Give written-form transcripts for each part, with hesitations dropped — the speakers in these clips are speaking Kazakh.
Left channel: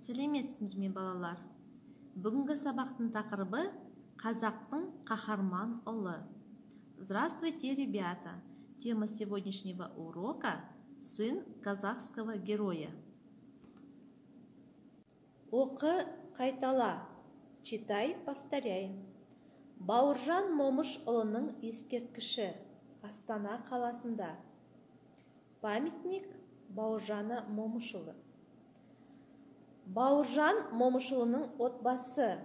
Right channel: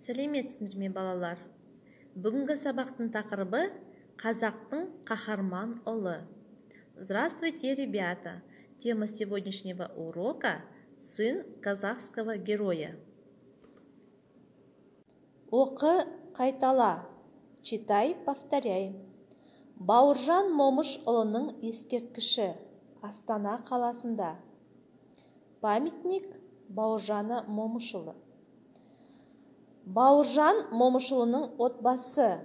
Сәлеметсіңдер ме, балалар? Бүгінгі сабақтың тақырыбы қазақтың қаһарман ұлы. Здравствуйте, ребята! Тема сегодняшнего урока – сын казахского героя. Оқы, қайтала. Читай, повторяй. Бауыржан Момышұлының ескерткіші Астана қаласында. Памятник Бауыржана Момышұлы. Бауыржан Момышұлының отбасы.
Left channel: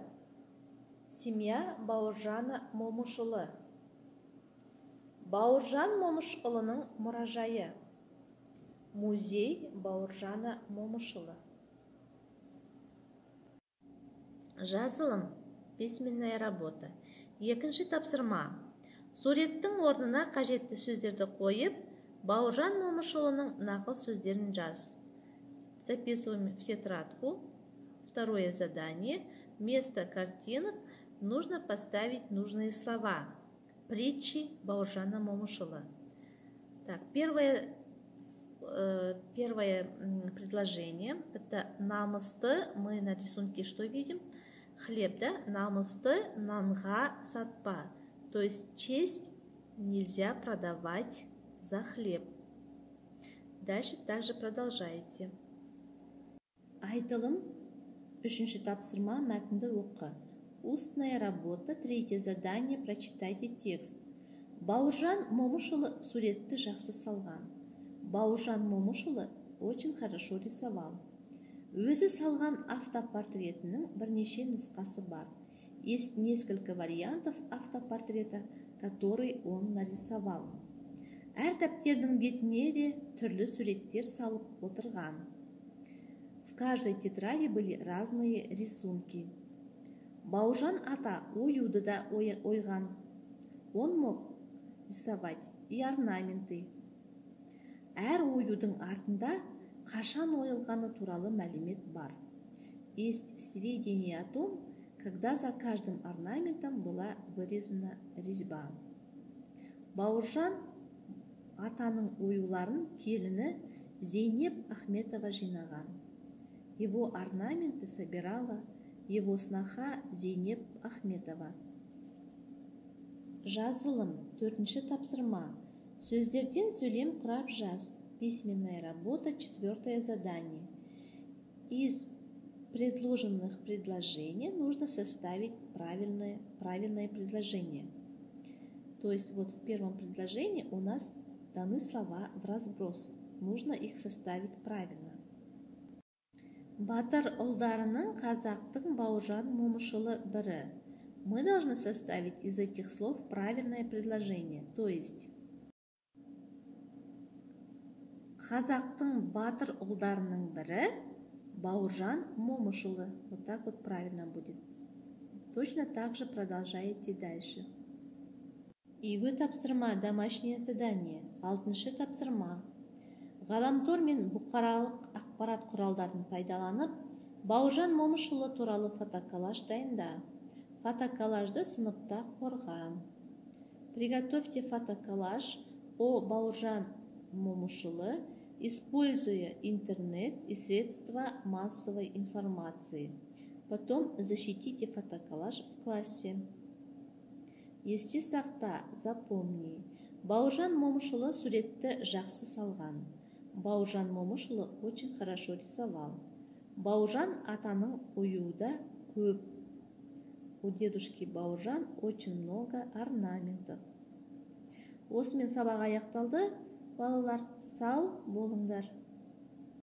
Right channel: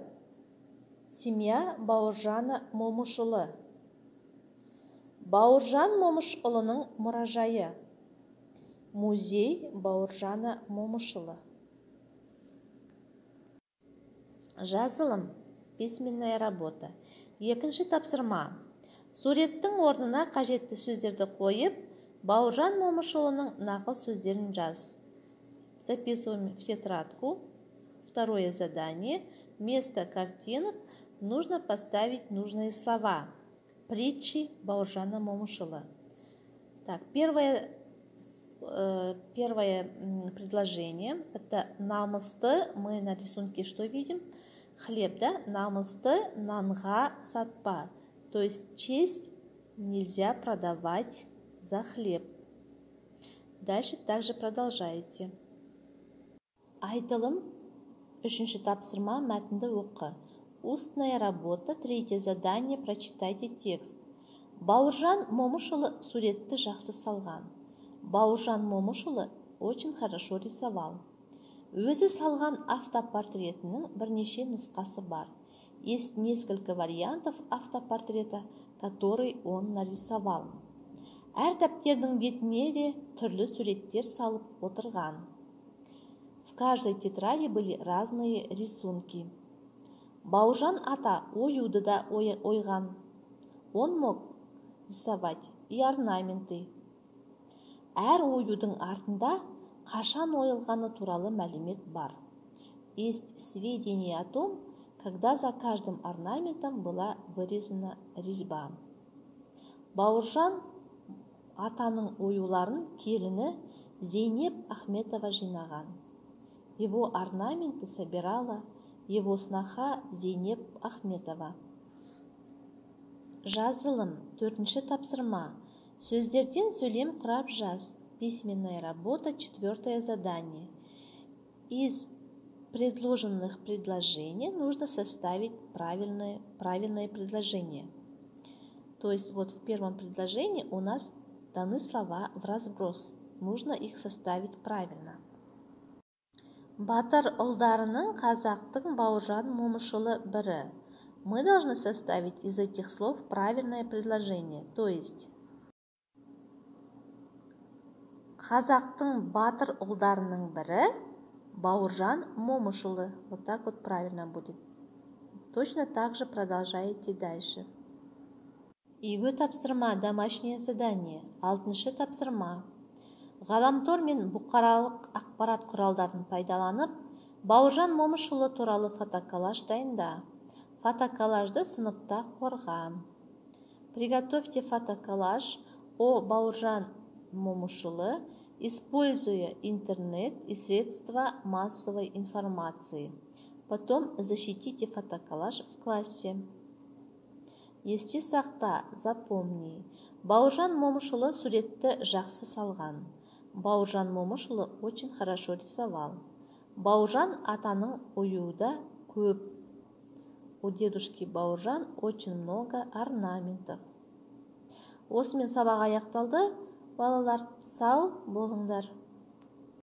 Семья Бауыржана Момышұлы. Бауыржан Момышұлының мұражайы. Музей Бауыржана Момышұлы. Жазылым. Письменная работа. Екінші тапсырма. Суреттің орнына қажетті сөздерді қойып, Бауыржан Момышұлының нақыл сөздерін жаз. Записываем в тетрадку. Второе задание. Вместо картинок нужно поставить нужные слова. Притчи Бауыржана Момышұлы. Так, первое предложение. Это намысты. Мы на рисунке что видим? Хлеб, да? Намысты нанға сатпа. То есть честь нельзя продавать за хлеб. Дальше также продолжайте. Айтылым. Үшінші тапсырма, мәтінді оқы. Устная работа. Третье задание. Прочитайте текст. Бауыржан Момышұлы суретті жақсы салған. Бауыржан Момышұлы очень хорошо рисовал. Өзі салған автопортретінің бірнеше нұсқасы бар. Есть несколько вариантов автопортрета, который он нарисовал. Әр дәптердің бетіне де түрлі суреттер салып отырған. В каждой тетради были разные рисунки. Бауыржан ата оюды да ойған. Он мог рисовать и орнаменты. Әр оюдың артында қашан ойылғаны туралы мәлімет бар. Есть сведения о том, когда за каждым орнаментом была вырезана резьба. Бауыржан атаның оюларын келіні Зейнеп Ахметова жинаған. Его орнаменты собирала его сноха Зейнеп Ахметова. Жазылым. Төртінші тапсырма. Сөздерден сөйлем құрап жаз. Письменная работа. Четвертое задание. Из предложенных предложений нужно составить правильное предложение. То есть вот в первом предложении у нас даны слова в разброс. Нужно их составить правильно. Батыр ұлдарының қазақтың Бауыржан Момышұлы бірі. Мы должны составить из этих слов правильное предложение. То есть қазақтың батыр ұлдарының бірі Бауыржан Момышұлы. Вот так вот правильно будет. Точно так же продолжаете дальше. Үйге тапсырма, домашнее задание. Алтыншы тапсырма. Ғаламтор мен бұқаралық ақпарат құралдарын пайдаланып, Бауыржан Момышұлы туралы фотоколлаж дайында. Фотоколлажды сыныпта қорға. Приготовьте фотоколлаж о Бауыржан Момышұлы, используя интернет и средства массовой информации. Потом защитите фотоколлаж в классе. Есте сақта, запомни. Бауыржан Момышұлы суретті жақсы салған. Бауыржан Момышұлы очень хорошо рисовал. Бауыржан атаның оюда көп. У дедушки Бауыржан очень много орнаментов. Осымен сабақ аяқталды. Балалар, сау болыңдар.